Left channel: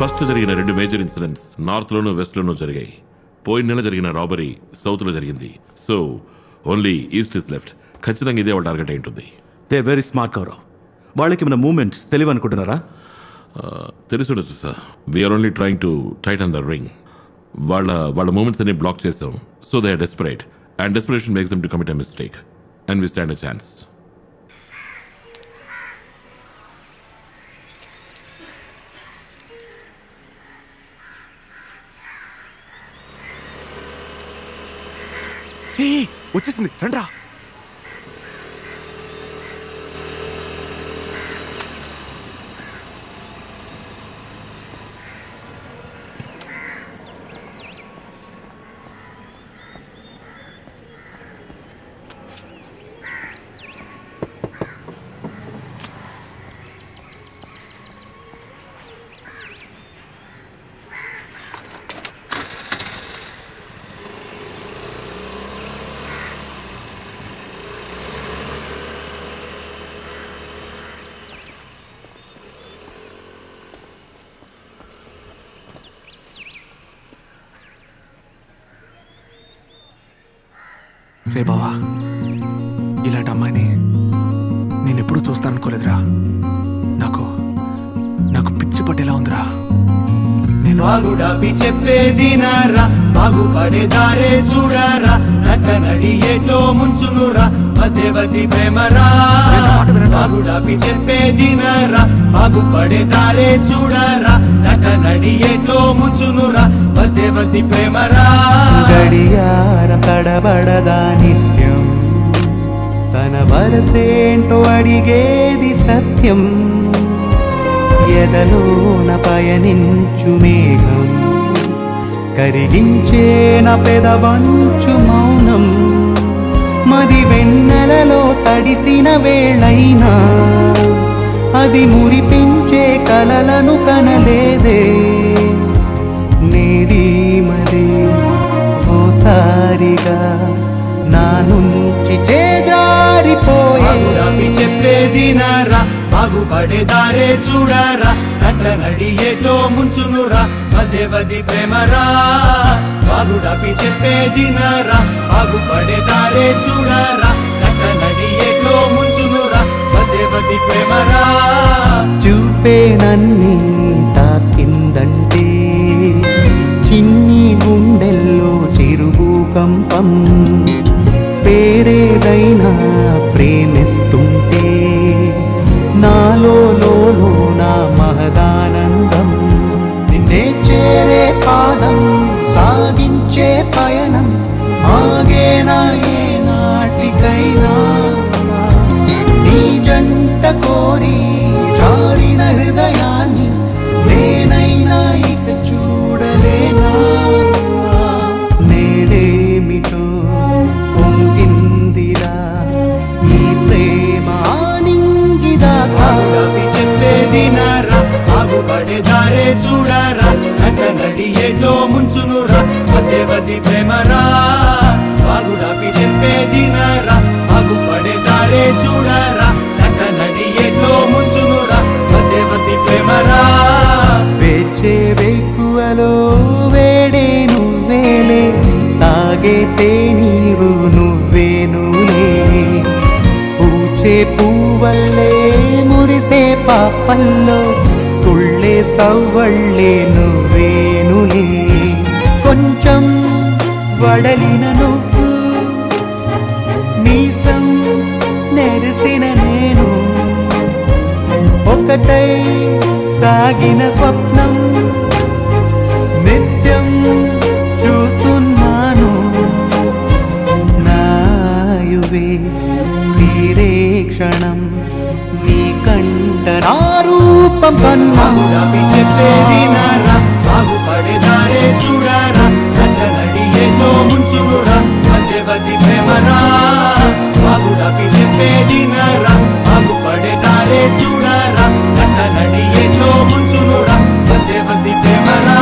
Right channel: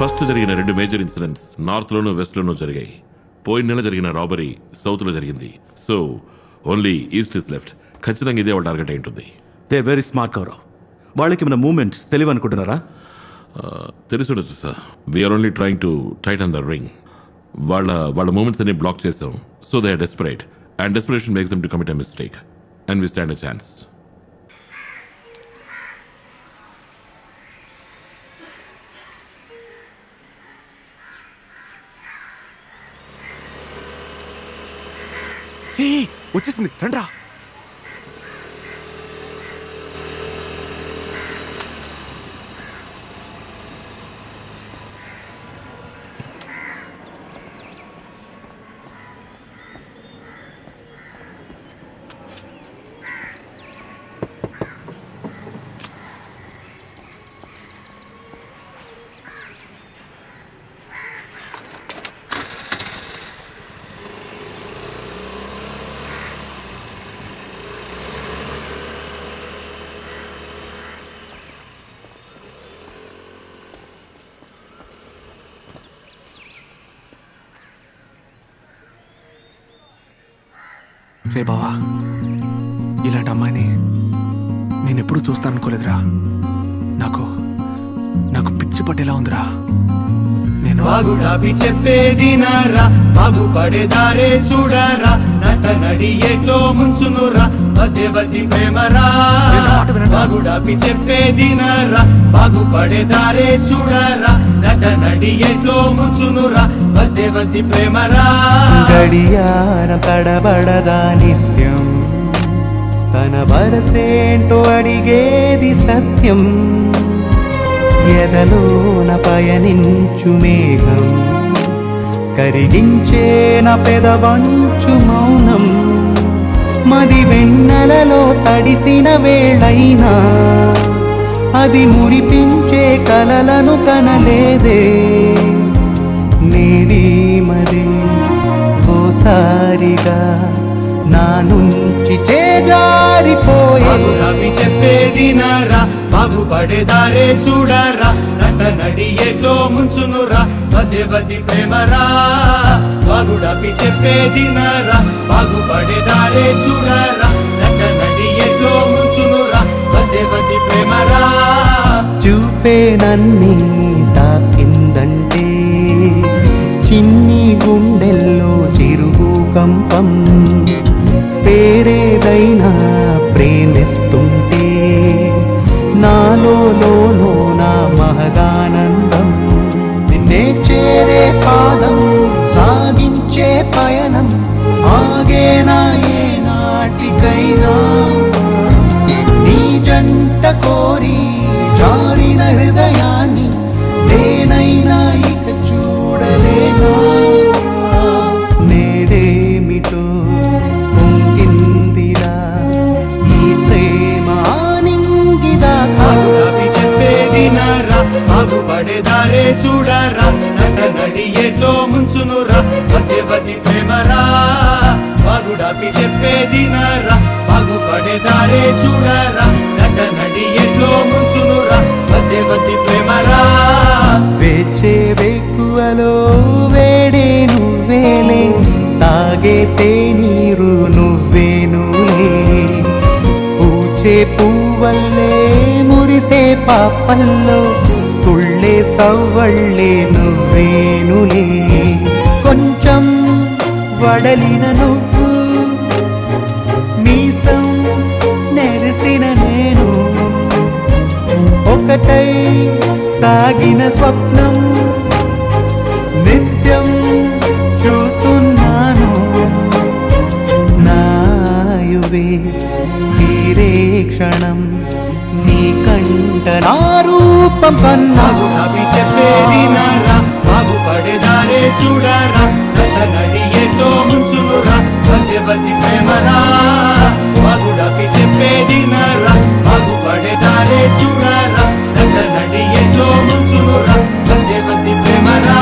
First జరిగిన 2 major incidents north లోనూ west లోనూ జరిగాయి. పోయిన నెల జరిగిన రాబరీ సౌత్ లో జరిగింది. So only east is left. ఖచ్చితంగా ఇదే వాళ్ళ టార్గెట్ అయి ఉంటుంది. They very smart Gaurav. వాళ్ళకి మన మూమెంట్స్ తెలివి అనుకుంటున్నారా? తెలుసుండొచ్చు sir. We're only trying to tighten the ring. వాళ్ళ మూమెంట్స్ అన్ని బ్లాక్ చేసాం. So they are desperate and desperation makes them to commit a mistake and we stand a chance. వచ్చేసింది, రండ్రా. రే బావా, ఇలాంటి అమ్మాయిని నేనెప్పుడూ చూస్తాననుకోలేదురా. నాకు పిచ్చి పట్టేలా ఉందిరా. నేను బాగుడాబి చెప్పేది నారా, బాగుపడేదారే చూడరా, నట నడి ఏట్లో ముంచునురా, మధ్యవతి ప్రేమరా. బాగుడాబి చెప్పేది నారా, బాగుపడేదారే చూడరా, నట నడి ఏట్లో ముంచునురా, మధ్యవతి ప్రేమరా. గడియారం తడబడదా నిత్యం, తన వరసేంటో అడిగేది సత్యం. ఎదలోన పయనించు మేఘం, కరిగించే నా పెదవంచు మౌనం. మది వెన్నెలలో తడిసిన వేళైనా అది మురిపించే కలలను కనలేదే. నేడి మదే ఓసారిగా నా నుంచి చేజారిపోయే. చెప్పేది నారా, బాగుపడేదారే చూడరా, నట నడి ఏట్లో ముంచునురా, మధ్యవతి ప్రేమరా. బాగుడాపి చెప్పేది నారా, బాగుపడేదారే చూడరా, నట నడి ఏట్లో ముంచునురా, మధ్యవతి ప్రేమరా. చూపే నన్నే తాకిందంటే చిన్ని గుండెల్లో చిరుభూకంపం. పేరేదైనా ప్రేమిస్తుంటే నాలో నా మహదానందం. నిన్నే చేరే పాదం, సాగించే పయనం ఆగేనా ఏ నాటికైనా. నీ జంట కోరి జారిన హృదయాన్ని నేనైనా ఇక చూడలేనా. నేడేమిటో పొంగిందిరా ఈ ప్రేమ ఆనింగిదాకా. చెప్పేది నారా, బాగుపడేదారే చూడరా, నట నడి ఏట్లో ముంచునురా, మధ్యవతి ప్రేమరా. బాగుడాపి చెప్పేది నారా, బాగుపడేదారే చూడరా, నట నడి ఏట్లో ముంచునురా, మధ్యవతి ప్రేమరా. వేచే వేకువలో వేడే నువ్వేలే, తాగే తేనీరు నువ్వేనులే. పూచే పువ్వల్లే మురిసే పాపల్లో తుళ్ళే సవ్వళ్ళే నువ్వేనులే. కొంచెం వడలిన నువ్వు, మీసం నెరిసిన నేను, ఒకటై సాగిన స్వప్నం నిత్యం చూస్తున్నాను. నాయువే తీరే క్షణం నీ కంట నా రూపం కన్నా. చెప్పేది నారా, బాగుపడేదారే చూడరా, నట నడి ఏట్లో ముంచునురా, మధ్యవతి ప్రేమరా. బాగుడాపి చెప్పేది నారా, బాగుపడేదారే చూడరా, నట నడి ఏట్లో ముంచునురా, మధ్యవతి ప్రేమరా.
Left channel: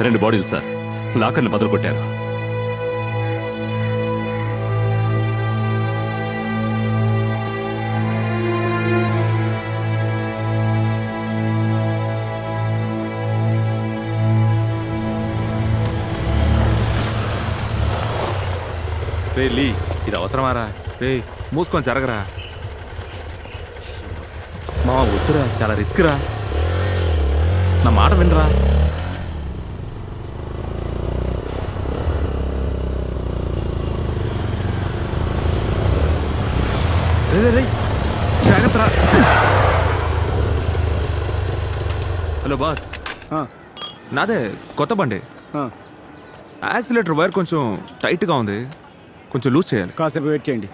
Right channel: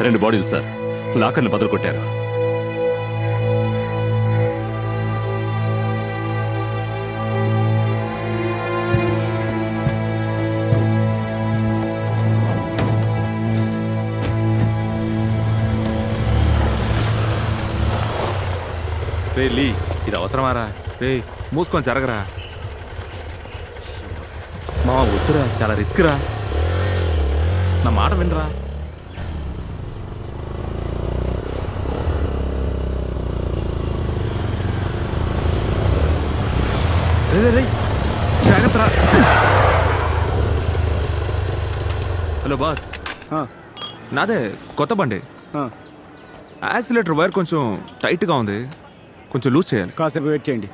2 బాడీలు సార్, లాకర్ని బదులు కొట్టారు. రే లీ, ఇది అవసరమారా? రే మూసుకొని జరగరా. మా వద్దురా, చాలా రిస్క్ రా, నా మాట వినరా. జాగ్రత్త. హలో బాస్, నాదే కొత్త బండి. యాక్సిలేటర్ వైర్ కొంచెం టైట్గా ఉంది, కొంచెం లూజ్ చేయాలి. కాసేపు వెయిట్ చేయండి.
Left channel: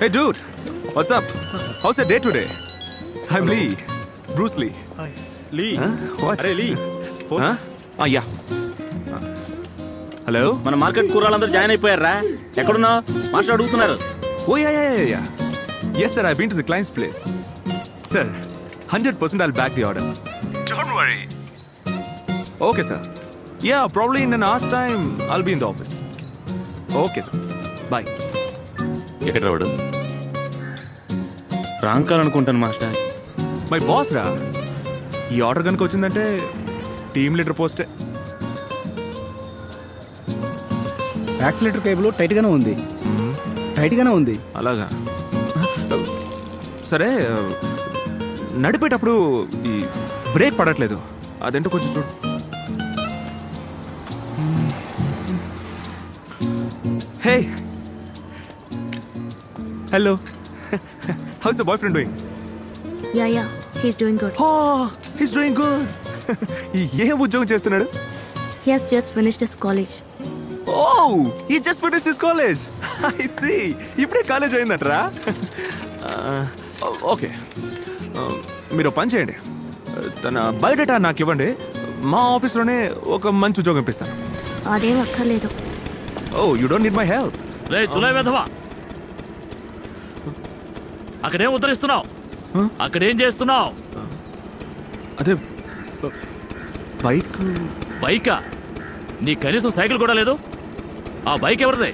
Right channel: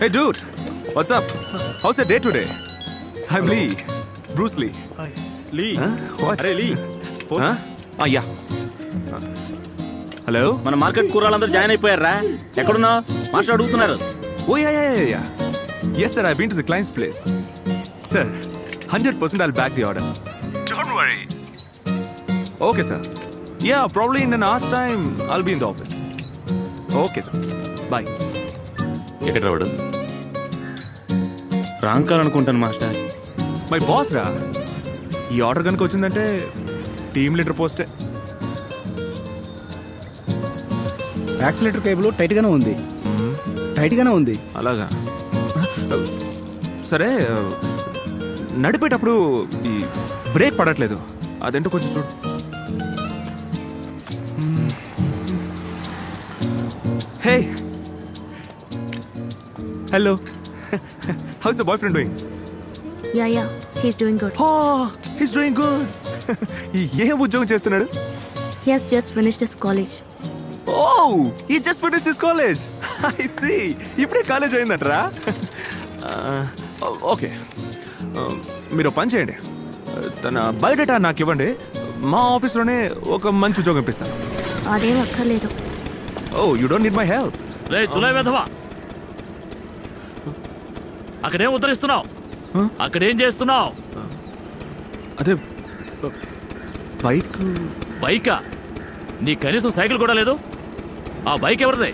Hey dude, what's up? How's a day today? I'm Lee, Bruce Lee. Lee, అరే లీ, ఫోన్. Yeah, hello. మన మార్కెట్ కూరలందరూ జాయిన్ అయిపోయారా? ఎక్కడున్నావు? మాస్టర్ అడుగుతున్నారు. Oh yeah. Yes sir, I been to the clients place. Sir, 100% I'll back the order. Don't worry. Okay sir. Yeah, probably in an hour's time I'll be in the office. Okay sir. Bye. ఎక్కడ రావడం? Wrong call అనుకుంటాను master. My boss రా. ఈ order కనుక వచ్చిందంటే team leader పోస్టే. Accelerator cable tight గానే ఉంది. అలాగా. సరే, నడిపేటప్పుడు ఈ బ్రేక్ పడట్లేదు, అదేంటో కొంచెం చూడు. Hey, hello. How's the boyfriend doing? Yeah, he's doing good. He's doing good. ఏం ఉద్యోగం చేస్తున్నాడు? He has just finished his college. Oh, he just finished his college. I see. ఇప్పుడే కాలేజ్ అయిందట్రా. ఓకే, మీరు పని చేయండి, తన బయోడేటా నాకు ఇవ్వండి, మా ఆఫీస్లోనే ఒక మంచి ఉద్యోగం ఇప్పిస్తాను. అదేం అక్కర్లేదు. Oh, you don't need my help. రే తులై వెధవా, అక్కడేం ఉద్ధరిస్తున్నావు? అక్కడేం చేస్తున్నావు? అదే బైకా? నీ కనీసం సైకిల్ కూడా లేదు. ఆ బైక్ ఎవరిదే?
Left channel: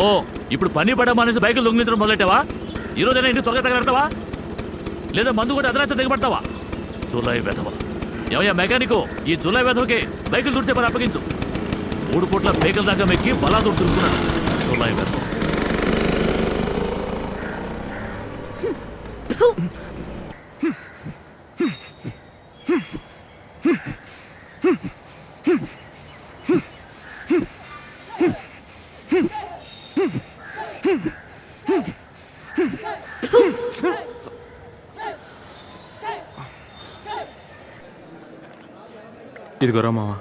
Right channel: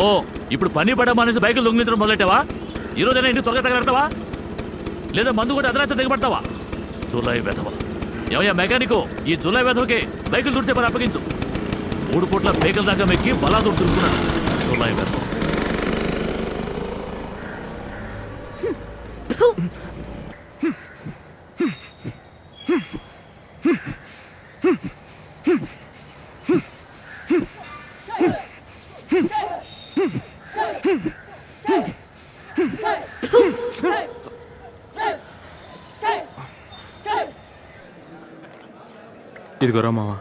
ఓ, ఇప్పుడు పని పడమనేసి బైకులు దొంగిలించడం మొదలెట్టావా? ఈరోజైనా ఇంటికి త్వరగా తగలడతావా, లేదా మందు కూడా అదనంతా దిగబడతావా? జులై వెధవ. ఏమయ్యా మెకానికు, ఈ జులై వెధవకి బైకులు దుడిచే పని అప్పగించు. 3 పూట్ల బైకుల దాకా మెక్కి బలాదూరు తిరుగుతున్నాడు జులై వెధవ. ఇదిగోరా మావా,